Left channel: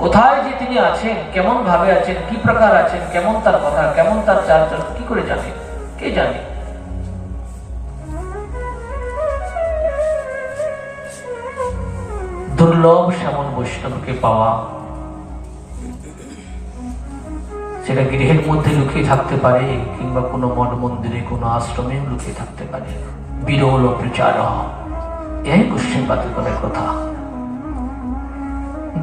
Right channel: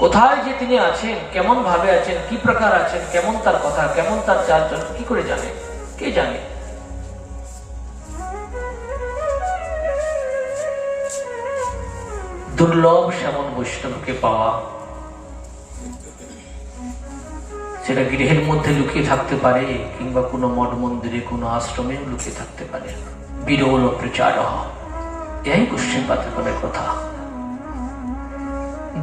কোথায় যে তিনি আছেন, কেমন ভাবে আছেন, কি প্রকার আছেন, কেমন তার কথা, কেমন তার চালচলন, কি করে জানে? কে জানে? দুর্লভ সেমন বৈষ্ণবকে পাওয়া, সেটা গৃহের মধ্যে লুকিয়ে থাকতে পারে কিংবা কোনো মঠ মন্দিরে, কোনো আশ্রমে লুকিয়ে থাকতে পারে। বিরল প্রচার, এই গোস্বাইপাদগণের কথা।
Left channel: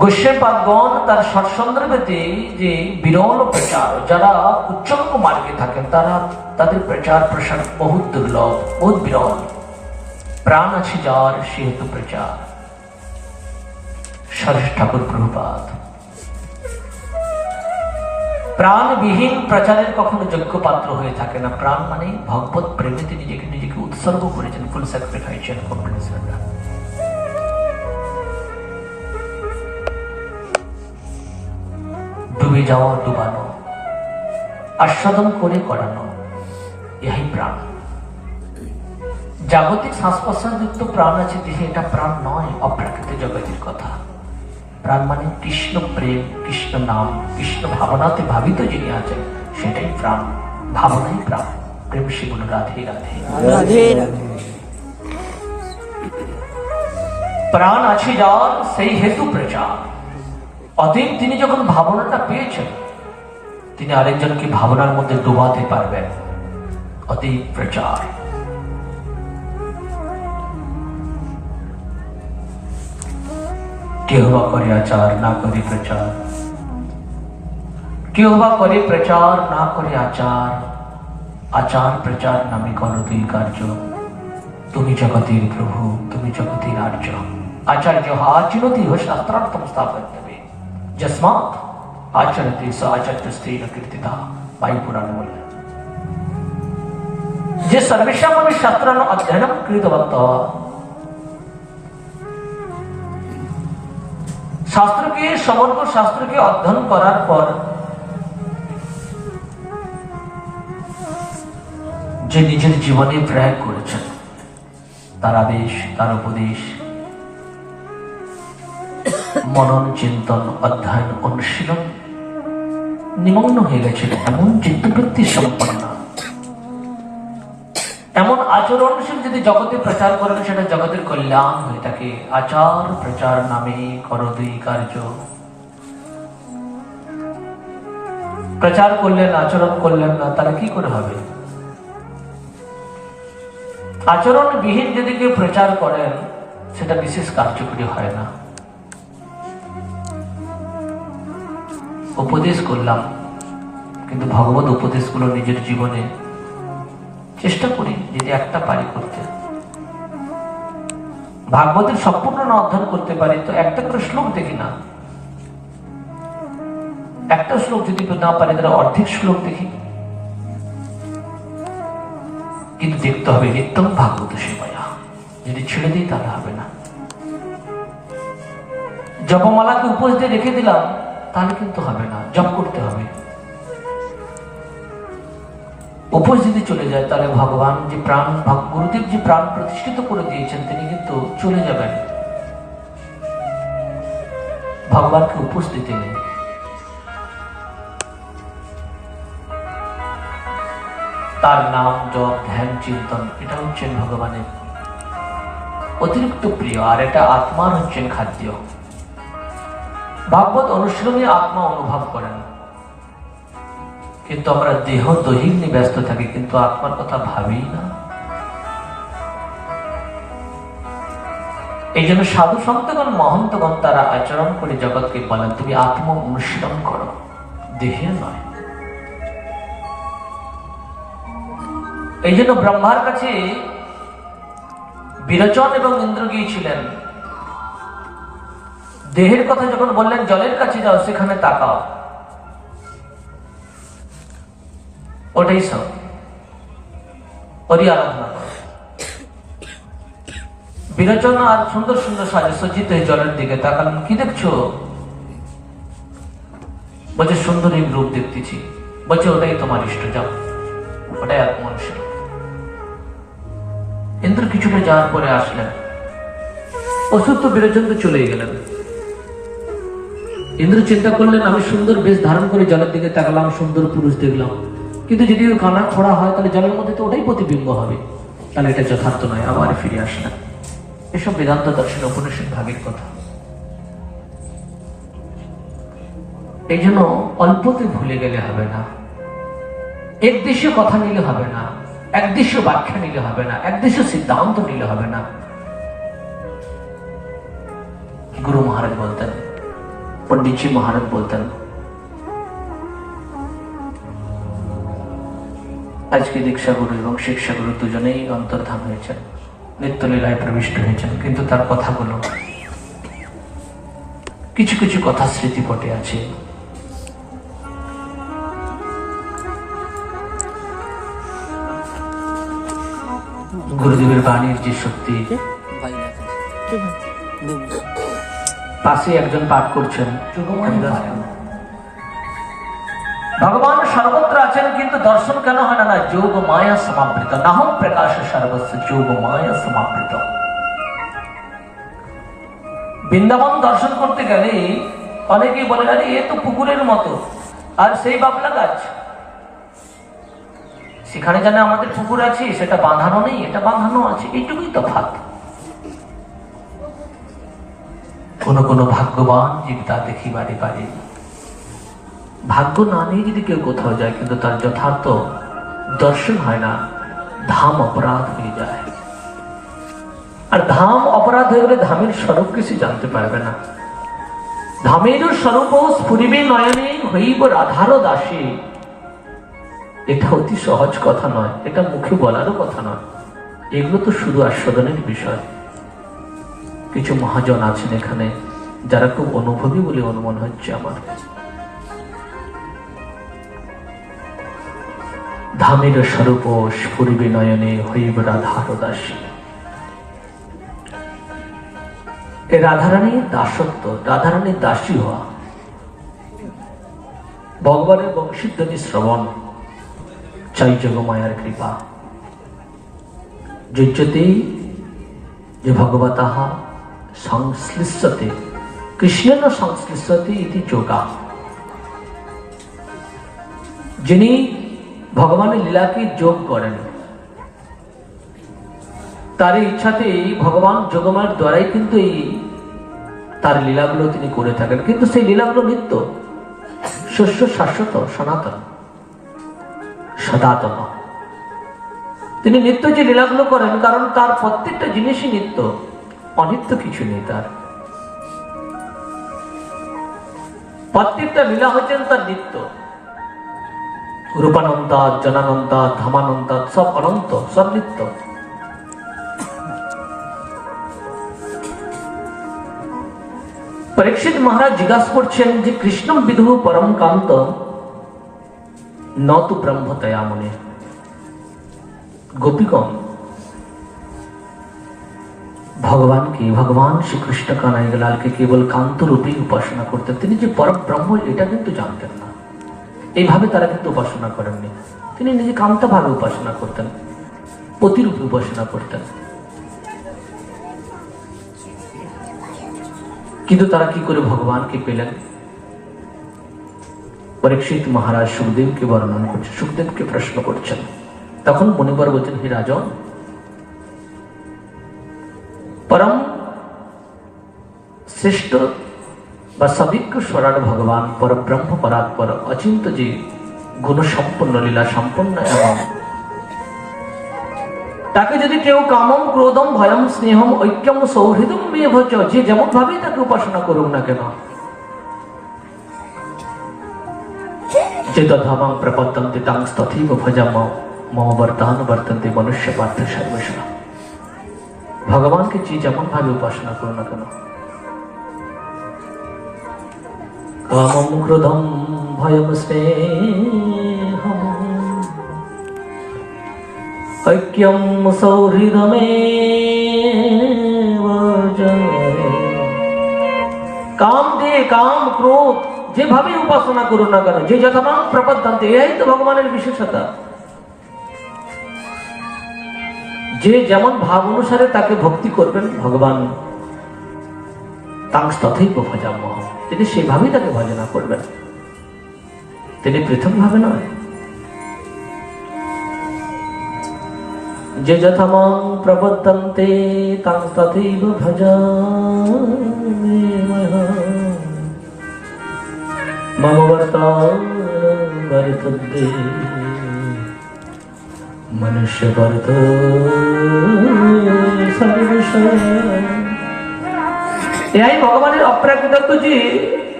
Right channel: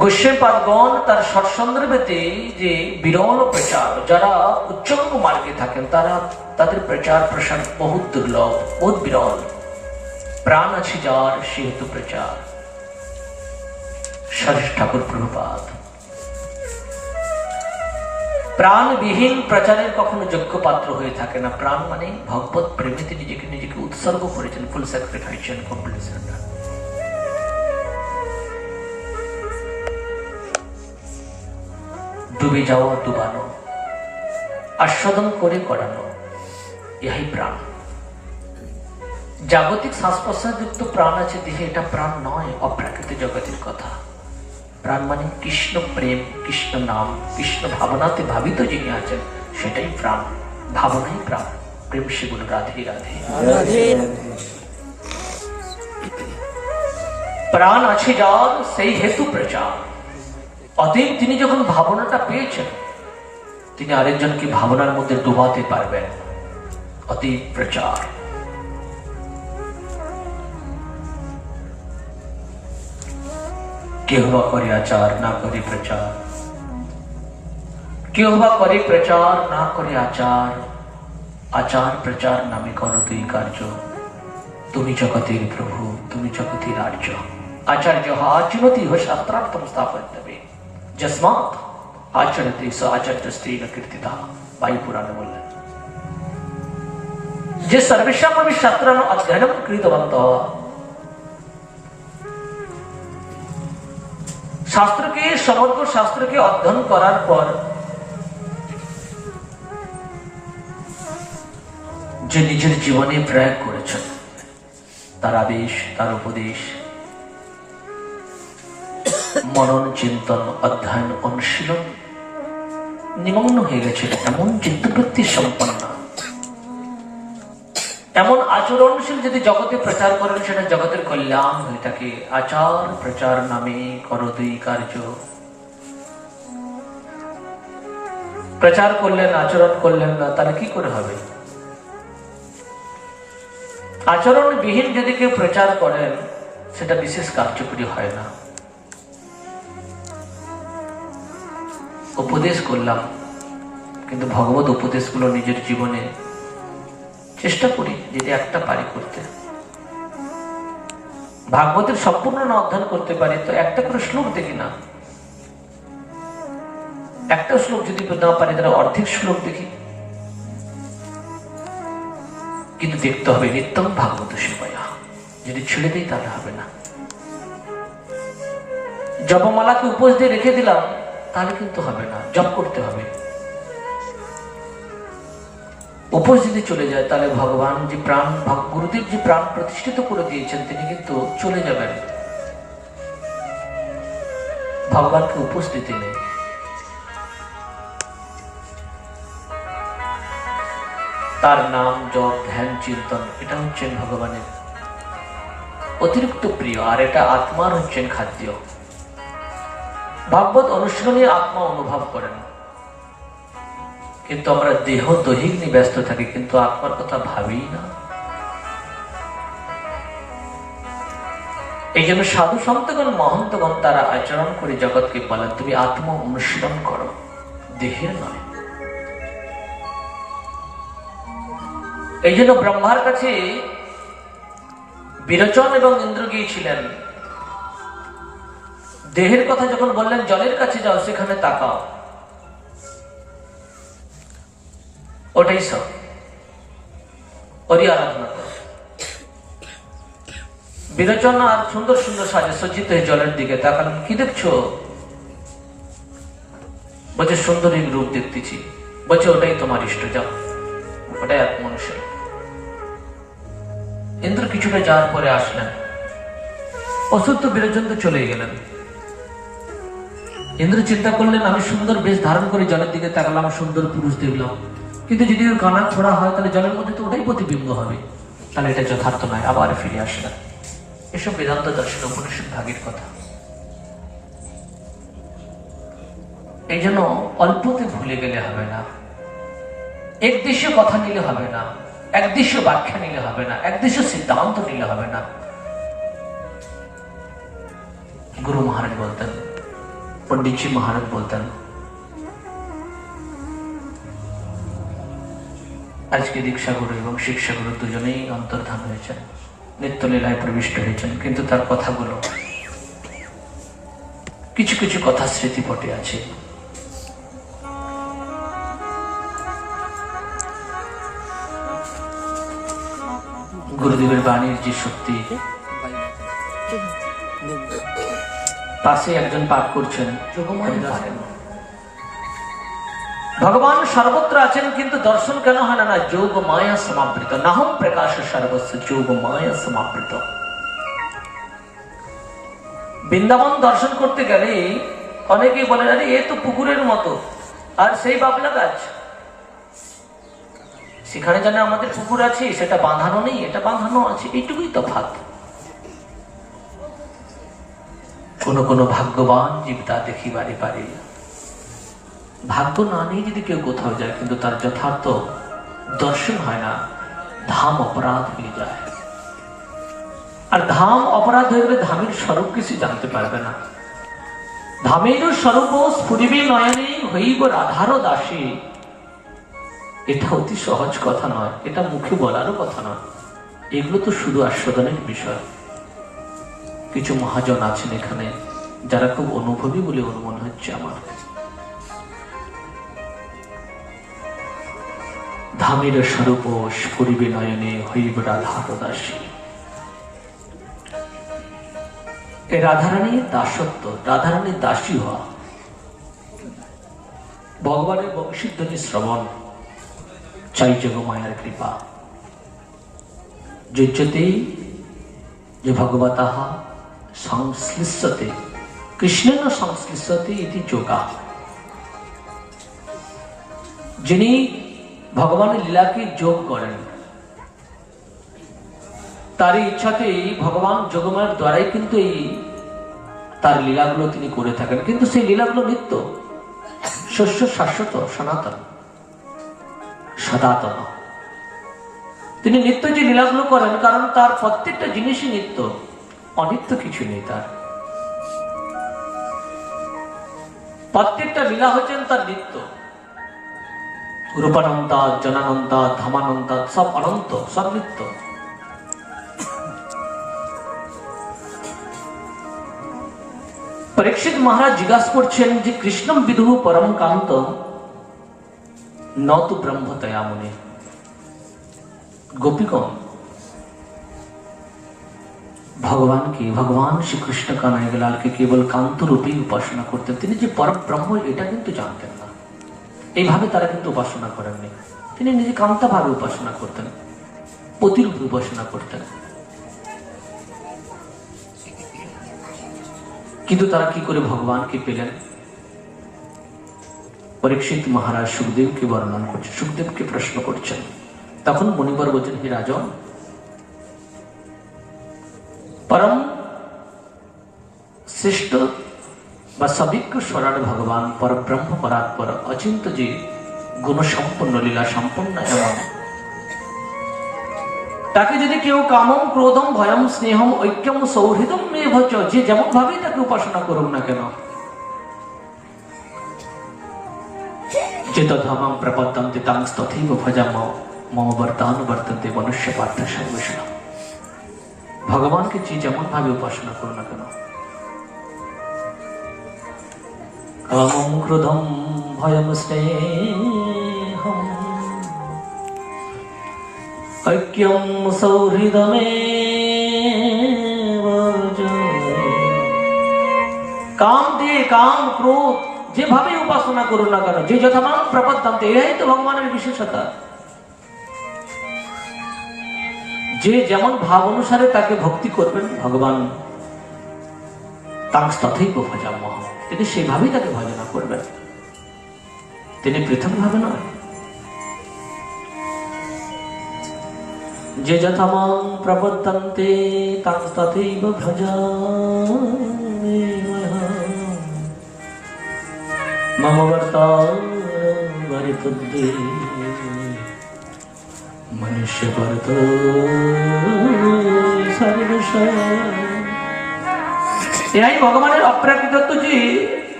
গোস্বাইপাদগণ তার সৎসন্দর্ভেতে যে বিরল প্রচার, যারা উচ্চঙ্গ মার্গে থাকেন তারা, তাদের প্রচার প্রসার বহুত দুর্লভ, বহুত বিরল। প্রাণ আছে যার সেহেতু প্রচার। সরেশ ঠাকুর প্রভুপাদ প্রাণবিহীন প্রচারের কখনো যোগ্য পাত্র হয়ে থাকে না। প্রাণ মানে ভগবত প্রেমেতে নিজেকে উৎসর্গ করেছেন, ফুল স্যাক্রিফাইস এন্ড কমপ্লিট সারেন্ডার। ডুবে যাওয়া, ডুবানো, আস্বাদন করে করানো, ইহাই প্রাণ। জাগতিক শ্বাস প্রশ্বাসযুক্ত প্রাণ আছে দেহে, এটা প্রাণ নয়, অপ্রাকৃতিক জগতের কথা। প্রাণ মানে কৃষ্ণ প্রেম, কৃষ্ণ নাম, কৃষ্ণ ভাবনাতে ভাবিত যিনি আছেন, সেটাই প্রাণ। ভাবনাই প্রাণ। প্রেম সেগুলো রাধে রাধে রাধে রাধে। প্রাণ আছে যার সেই হেতু প্রচার। অতএব তিনি যখন ভাবনাটা পেয়েছেন, তিনি আরেকজনকে ভাবনার মধ্যে ডুবাতে পারবেন। অতএব প্রচার। কেহ বা করে আচার, না করে প্রচার। কেহ বা করে প্রচার, না করে আচার। আচার প্রচার নামে করো দুই কার্য। তুমি জগতের প্রভু, তুমি জগতের আর্য। আচার্য আচরতি শাস্ত্রার্থম স্থাপয়িতব্যে, যস্মাৎ আচরতি স আচার্যস্তেন কীর্তিতঃ। বায়ু পুরাণ বললেন, যে সর্বেষামপি শাস্ত্রাণি অধ্যয়নম কৃতবন্তঃ, শাস্ত্রকে, সমগ্র শাস্ত্রকে অধ্যয়ন করার পর যে নিজের জীবনে প্রয়োগ করেছেন, তার আদেশ, তার উপদেশ, মনন, চিন্তন, অধ্যয়ন, অনুশীলন নিমগ্ন হয়ে গেছিল, এমন চিত্তবৃত্তি সম্পন্ন, এমন আচরণশীল যদি জগতে প্রচার করেন, সেটা জগতের কল্যাণ হয়ে থাকে। আচার প্রচার নামে করো দুই কার্য। প্রচার করলেন, আচরণ করলেন না, তারা কি করে হবে? আচরণ বিহীন যদি কেউ প্রচার করেন, সেটা বিশেষ কার্যকরী হয় না। উপদেশ করলাম, কিন্তু ভগবত উপদেশগুলো নিজের জীবনে চেষ্টা করি যদি একটা পারি করতে। ভাগবতের সম্পূর্ণ না অধ্যয়ন করতে পারি তো একটা করে শ্লোক দেখি না। একটা শ্লোক যদি না পারি তাহলে অর্ধেক শ্লোক দেখি। কিন্তু দেখতে হবে নিত্যম ভাগবত সেবায়া। যদি ছেড়ে দিই তাহলে হবে না। জপমালাকে উপোস দিয়ে রেখে দিলাম তাহলে কিন্তু হবে না, জপ করতে হবে। উপোস যদি চলে যায় তাহলে ভগবান যে প্রাণ, গুরুদেব যে প্রাণ প্রতিষ্ঠিত করে দিয়েছেন, তিনি কিন্তু চলে যাবেন। ভগবানকে উপোস দিতে নেই। তার নাম, জপ, ধ্যান, চিন্তন, এটা হচ্ছেন ভগবানের অতিরিক্ত প্রিয়, আর এটা আত্মার হচ্ছেন খাদ্য। ভাগবত অনুশীলনে আত্মা অনুভব করেন, কিন্তু আমরা দেহ দৈহিক নিয়ে ব্যস্ত থাকি, কিন্তু আত্মার কথা ভাবি না। এই জন্য সাধু সন্তগণ, মহন্তগণ তারা আচরণ করে জগৎকে বলেন, তুমি আত্ম অনুশীলন করো, দেহের নয়। এই জন্য ব্রহ্মার কাছে বিরোচন এবং ইন্দ্র গিয়েছিলেন। দেহের কথা যখন বললেন, জলের কাছে যাও, সেখানে তাকাও, ওটাই সব, ওরই আরাধনা করো। বিরোচন আর সুন্দর সুন্দর সাজে সজ্জিত হয়ে জলের দিকে তাকালেন, কি দেখছো? বলছে সুন্দরী রূপ দেখতেছি। বলছে ওটাই তোমার ইষ্ট, যাও, ওটাই আত্মনুশীলন। ইন্দ্র কিছুটা যাওয়ার পরে আসলেন, অসত্য বিরোচন তো চলেই গেলেন। ইন্দ্র চিন্তা করলেন, আমি সুন্দর বেশ ধারণ করে জলের দিকে তাকালাম, সুন্দর পুরুষ দেখলাম, কিন্তু যদি ওর কানা ছোড়া হয় তাহলে জলের মধ্যে তো ওটাই প্রতিবিম্ব হবে, তাহলে এটা যথার্থ নয়, আবার ফিরে আসলেন। এসব বেদান্ত দর্শন উপনিষদ ভাগের কথা। এই জন্য অল্পতে ভুলে গেলে হবে না, একদেশীয় কথা নিলে হবে না, একদেশীয় ব্যাখ্যা নিলে হবে না, একদেশীয় সিদ্ধান্ত নিলে হবে না। গুরু মহারাজ বলতেন, পণ্ডিতজি মহারাজ বলতেন, আজকে দীক্ষাগুরু এবং শিক্ষাগুরু দুজনেই অন্তর্ধান হয়েছেন, নিত্যলীলায় প্রবিষ্ট হয়েছেন, কিন্তু তার কথাগুলো কিছু কিছু কথা স্মৃতিপটে আছে। গুরুদেবের বাণীর যে শক্তি, পাশে একজন পাঠ করছেন, ভগবান সর্বত্র আছেন, কিন্তু দর্শন কেন হয় না? যোগ মায়া সমাবৃত, নাহম প্রকাশ সর্বস্ব যোগ মায়া সমাবৃত। বৃন্দাবন দর্শন করতে গেলে অনেকেই বলে, আরে এ তো পুকুরের মতো, আর সেই বাবলা গাছ। সেখানে জানে আমাদের পুকুর আছে, সেটা বাঁধানো নেই, এটা বাঁধানো আছে, এইটুকুই তফাৎ। কোন কোন ভাগ্যবান জীব তা দেখিবারে পারে। ভাগ্য না নিয়ে যদি কেউ কোথাও যায়, কিন্তু তার যথার্থ দর্শন হয় না, ধাম অপরাধ হয়ে যায়। আর ধাম অপরাধ হয়ে গেলে ধামের স্বরূপ কিছু জানতে পারবে না। ধামের স্বরূপ স্ফুরিবে নয়নে হইব রাধার দাসী। এটা অতি সহজ কথা নয়, এটা মুখে বলারও কথা নয়, এগুলো তো শুধু আস্বাদনের বিষয়। কিছু মহাজন আছেন এখানে যারা খুব অনুভবী বলে অনুমান হচ্ছে আমার। ধামের স্বরূপ স্ফুরিবে নয়নে হইব রাধার দাসী। এই রাধারানীর দাসত্ব, রাধারানীর দাসী হওয়া, ভগবানের বংশীধ্বনি শ্রবণ, চাই যোগমায়ার কৃপা। যুজ্যতে যে ভগবতঃ সংশ্লিষ্টতে কৃষ্ণেন সংশ্লিষ্টতে ইতি যোগা। যিনি ভগবানের লীলাকে যোগ করেন, তার ইচ্ছাতে ভগবান যোগমায়ার দ্বারাই কিন্তু এই তার লীলাগুলো তিনি করে থাকেন। কিন্তু সেই লীলাগুলো নিত্য, শস্য শাশ্বত, সনাতন, সদাতন। তিনি নিত্য যে লীলাগুলো করেন, কারণ তার প্রত্যেকটা জিনিসই নিত্য, অনিত্য কিছু নেই। তার প্রত্যেকটা লীলা হচ্ছেন তার নিত্য। রূপানন্তা, জনানন্তা, ধামানন্তা, সব অনন্ত, সব নিত্য। পরীক্ষিত মহারাজ জিজ্ঞাসা করছেন যে কৃষ্ণম বিদুঃ পরম কান্ত ন তু ব্রহ্মতয়া মুনি। গোপীগণ ভগবানকে, ভগবান শ্রীকৃষ্ণ কানাইলালকে কেবল কান্ত রূপে উপাসনা করতেন। তিনি যে পরম ব্রহ্ম এটা কিন্তু জানতেন না, এইভাবে তারা কিন্তু উপাসনা করেননি। তিনি নিজে কান্তা ভাবে উপাসনা করতেন, পতিরূপে উপাসনা করতেন। কিন্তু তারা কি করে ভগবানকে পেলেন? পরীক্ষিত মহারাজ সুখদেবকে বর্ণন করছেন, সুখদেবকে প্রশ্ন করছেন। তখন মুনিবার বলছেন, হে রাজন, পরম শ্রেষ্ঠ বা সবিজ্ঞ স্বরাট ভগবান পরব্রহ্ম পরাৎপর অচিন্ত যে গুণ সম্পন্ন, লীলা সম্পন্ন, এবং তাকে যদি কেউ কামম ক্রোধম ভয়ম স্নেহম ঐক্যম সৌহৃদম প্রিয় ভোজ, যে যেমন ভাবে তাকে উপাসনা করুক না কেন, যে তথামাং প্রপদ্যন্তে তাং তথৈব ভজাম মম বর্তান বর্তন্তে মনুষ্য পার্থ সর্বস্ব। ভগবানকে যে যেমন ভাবে উপাসনা করো না কেন, কামম ক্রোধম ভয়ম স্নেহম ঐক্যম সৌহৃদমেব চ। কাম দিয়ে, কাম ক্রোধ যেভাবে উপাসনা করুন না কেন, যে যথামান প্রপদ্যন্তে, এই তো ভগবানের বিশেষতা। যে যেমন ভাব অনুসারে তাকে ভক্তি করবেন, ভগবান তাং তথৈব ভজাম্যহম, তিনি সেভাবেই তাকে ভজনা করবেন, তিনি পৃথকভাবে নয়। যে যথামাং প্রবর্তন্তে তাং তথৈব ভজামি মম বর্তাবর্তন্তে মনুষ্য বর্ত সর্বশ। এরাই ভগবানের অপ্রাকৃত যে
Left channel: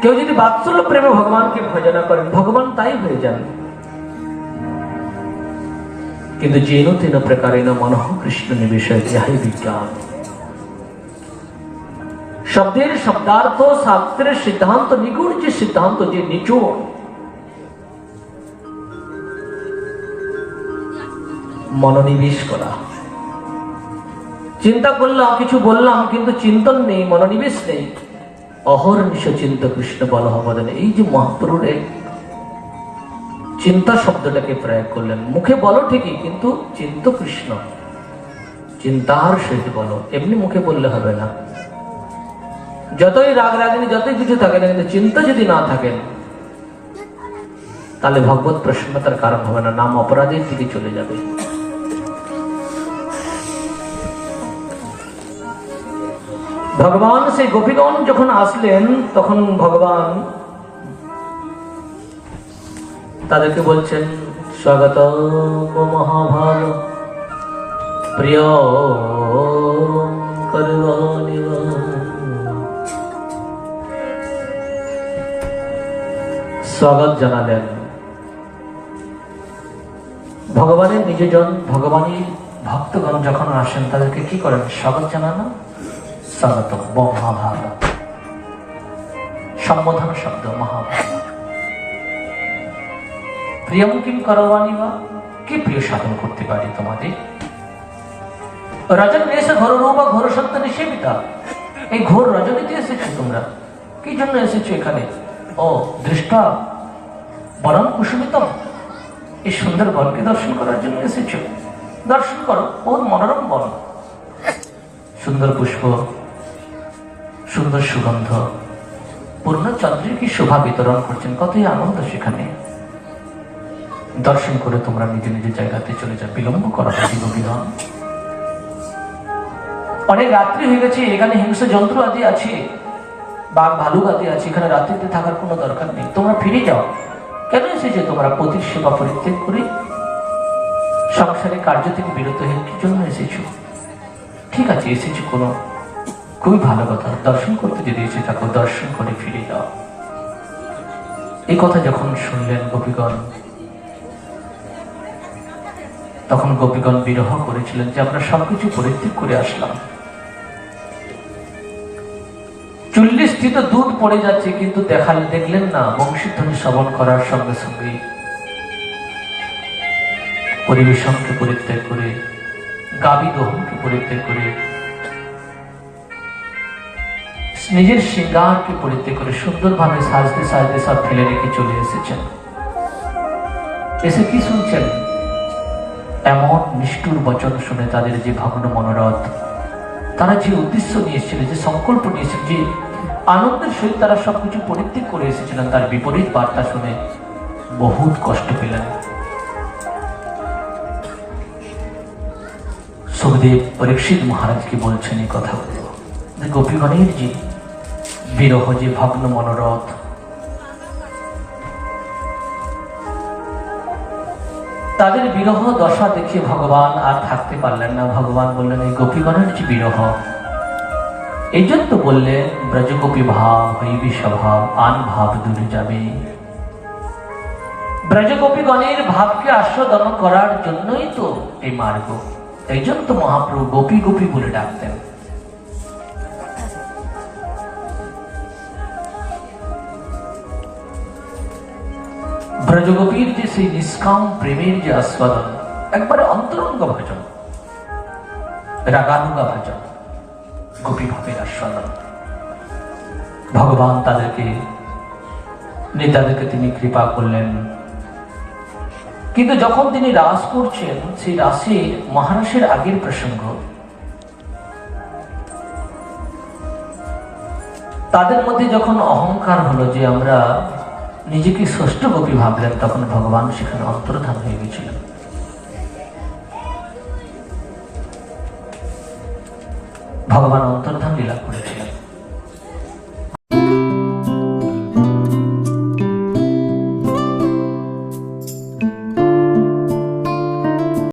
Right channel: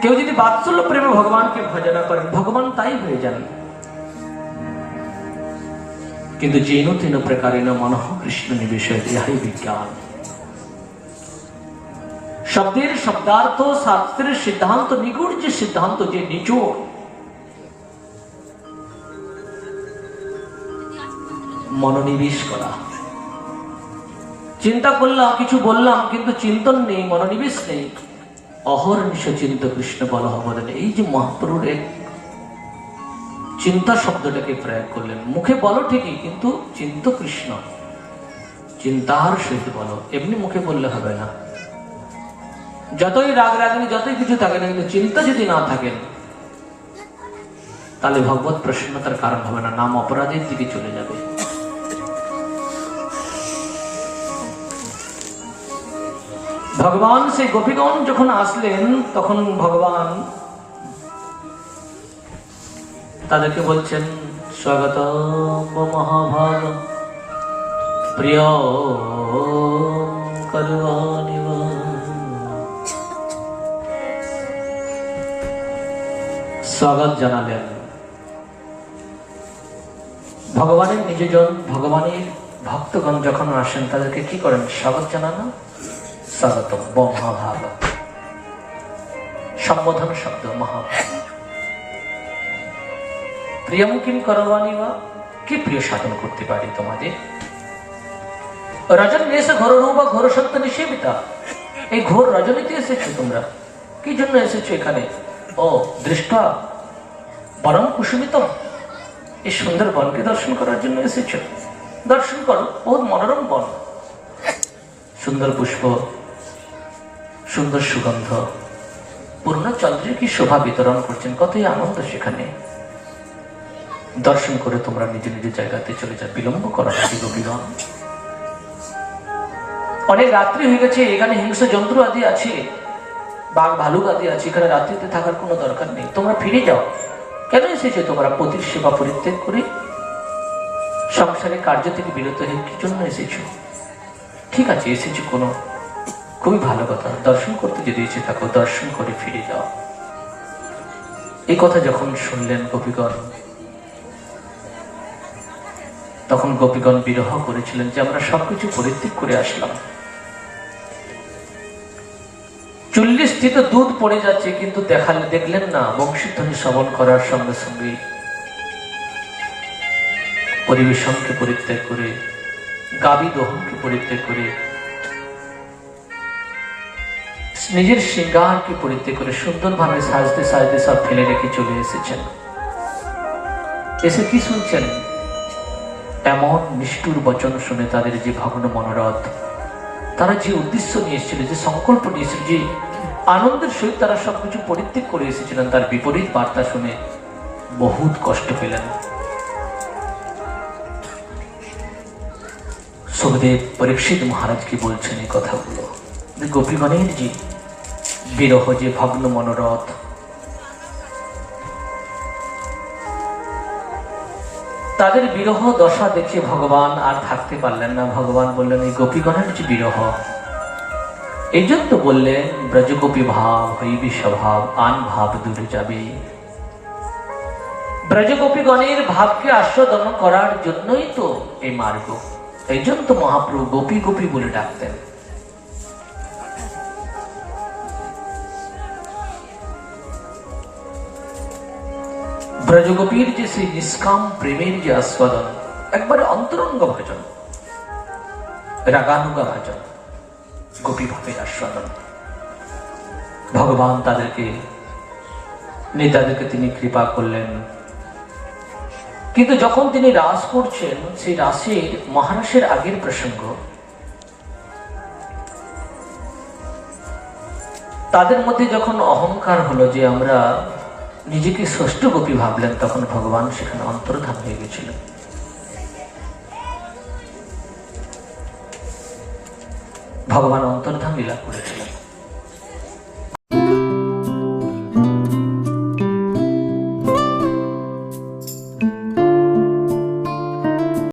কেউ যদি বাৎসল্য প্রেমে ভগবানকে ভজনা করেন, ভগবান তাই হয়ে যান। কিন্তু যেন তেন প্রকারেণ মনঃ কৃষ্ণ নিবেশয় যাহাই বিজ্ঞান। শব্দের শব্দার্থ, শাস্ত্রের সিদ্ধান্ত, নিগুণ যে সিদ্ধান্ত, যে নিচুড়, মনোনিবেশ করা। চিন্তা করলাম, কিছু বললাম, কিন্তু চিন্তন নেই, মনোনিবেশ নেই, অহর্নিশ চিন্ত কৃষ্ণ বলহ বদনে। এই যে মহাপ্রভুর এক চিন্তা শব্দটাকে প্রয়োগ করলেন। মুখে বলো ঠিকই, কিন্তু চিন্ত কৃষ্ণ, চিন্তার সহিত বলো। এমনি মুখে বললে হবে না। যতই রাগ রাগিনী, যতই কিছু থাকে না, কিন্তু চিন্তা যদি না থাকেন, তাহলে ভগবত প্রসন্নতার কারণ হবে না, নাম অপরাধের দিকে চলে যাবে। ভগবান সেই গোপীগণ যখন আসলেন, তখন ভগবান তাদেরকে বলছেন, স্বাগত মহাভাগ প্রিয় করবানিব। স্বাগত জানালেন। ভগবানের নিজজন, ভগবানের ভক্তগণ যখন আসেন, তাদেরকে কি করেন? স্বাগত জানানো, স্বাগত মহাভাগ, সম্বোধন শব্দ মহাভাগ। প্রিয়ম কিম করবানি বা, কি প্রিয় সাধন করতে পারি তোমাদের? রজন এসে ঘোর বা ঘোর সত্য নিষেবিতা। এই ঘোর রজনীতে এসেছো তোমরা, কি জন্য এসেছো এখানে? ও দৃষ্টা বরং কুসুমিত, এই সুন্দর বনকে দর্শন করার জন্য এসেছো। দর্শন করো, বহুত মনোরম বন, সুন্দর পুষ্প, সুন্দর সুগন্ধ, পূর্ণচন্দ্রিকী শোভা বিতরণ করছেন, কতই আনন্দ সেখানে। দর্শন করে তোমরা নিজ নিজ জায়গাতে চলে যাও, বিলম্ব করো গোপীগণ। অনেক রাত্রি হয়ে গেছে, এখানে হিংস্র জন্তু আদি আছে, বাঘ ভালুক আদি আছে, এখানে রাত্রিতে থাকার কোনো দরকার নেই, তোমরা ফিরে যাও। কেন এসেছো তোমরা পতির সেবা পরিত্যাগ করে সংসারে কার্য থেকে বিরত হয়ে? কি জন্য এসেছো? ঠিক আছে, এসেছো কোনো খুবই ভালো কথা, দর্শন করতে যদি এসে থাকো, দর্শন করে ফিরে যাও। এই কথা যখন শুনলেন গোপীগণ, তখন গোপীগণ বিরহ করেছিলেন যে আমরা সবকিছু পরিত্যাগ করে আসলাম, চুল্লি স্থিত দুধ পড়ে যাচ্ছে, কিন্তু দেখলেন না বংশীধ্বনি শ্রবণ করার সঙ্গে সঙ্গে পরিবেশনকে পরিত্যাগ করে, গাবি দহনকে পরিত্যাগ করে, নিজের শৃঙ্গারকে পরিত্যাগ করে সুন্দরভাবে সাজতে সাজতে সব ফেলে রেখে চলে এসেছেন। এসে কি শুনছেন? এমন নিষ্ঠুর বচন শুনে তাদের যে ভগ্ন মনোরথ, তারা যে উদ্দেশ্য নিয়ে এসেছিল, যে সংকল্প নিয়ে এসেছিল, যে আনন্দের সহিত তারা সবকিছু পরিত্যাগ করে এসেছিলেন, তার বিপরীত বার্তা শুনে বহুত কষ্ট পেলেন। সুখদেব পরীক্ষিত মহারাজকে বলছেন এই কথাগুলো, গোপীগণের যে বিরহ, যে ভগ্ন মনোরথ, তাদের বিরহ দশা দেখে ভগবান আর থাকতে পারলেন না। ভগবান বললেন, এই গোপীগণের যে বিরহ, এই জন্য বললেন ব্রজগোপী ভাব হইবে স্বভাব, আন ভাব দূরে যাবে। ব্রজগোপীগণের ভাবকে আস্বাদন করার জন্যই তো এই মার্গ। এই জন্য তো মহাপ্রভু গোপী গোপী বলে ডাকতেন। ব্রজগোপীর যে সেই নিষ্কাম প্রেমের যে আস্বাদন, একবারে অন্তরঙ্গ ভজন, রাগানুগা ভজন, গোপী ভাবের আস্বাদন। ভগবান তাদেরকে তিনি কৃপা করলেন। কিন্তু যখন তিনি রাস করছেন, সেই রাসের মহারাসের আগের প্রসঙ্গ, তাদের মধ্যে যখন অহংকার হলো যে আমরা নিজেকে ষষ্ঠ গোপী ভাবলেন, তখন ভগবান সেখানে অন্তর্ধান হয়ে গেছিল। ভগবান অন্তর্ধান লীলা করেছিলেন।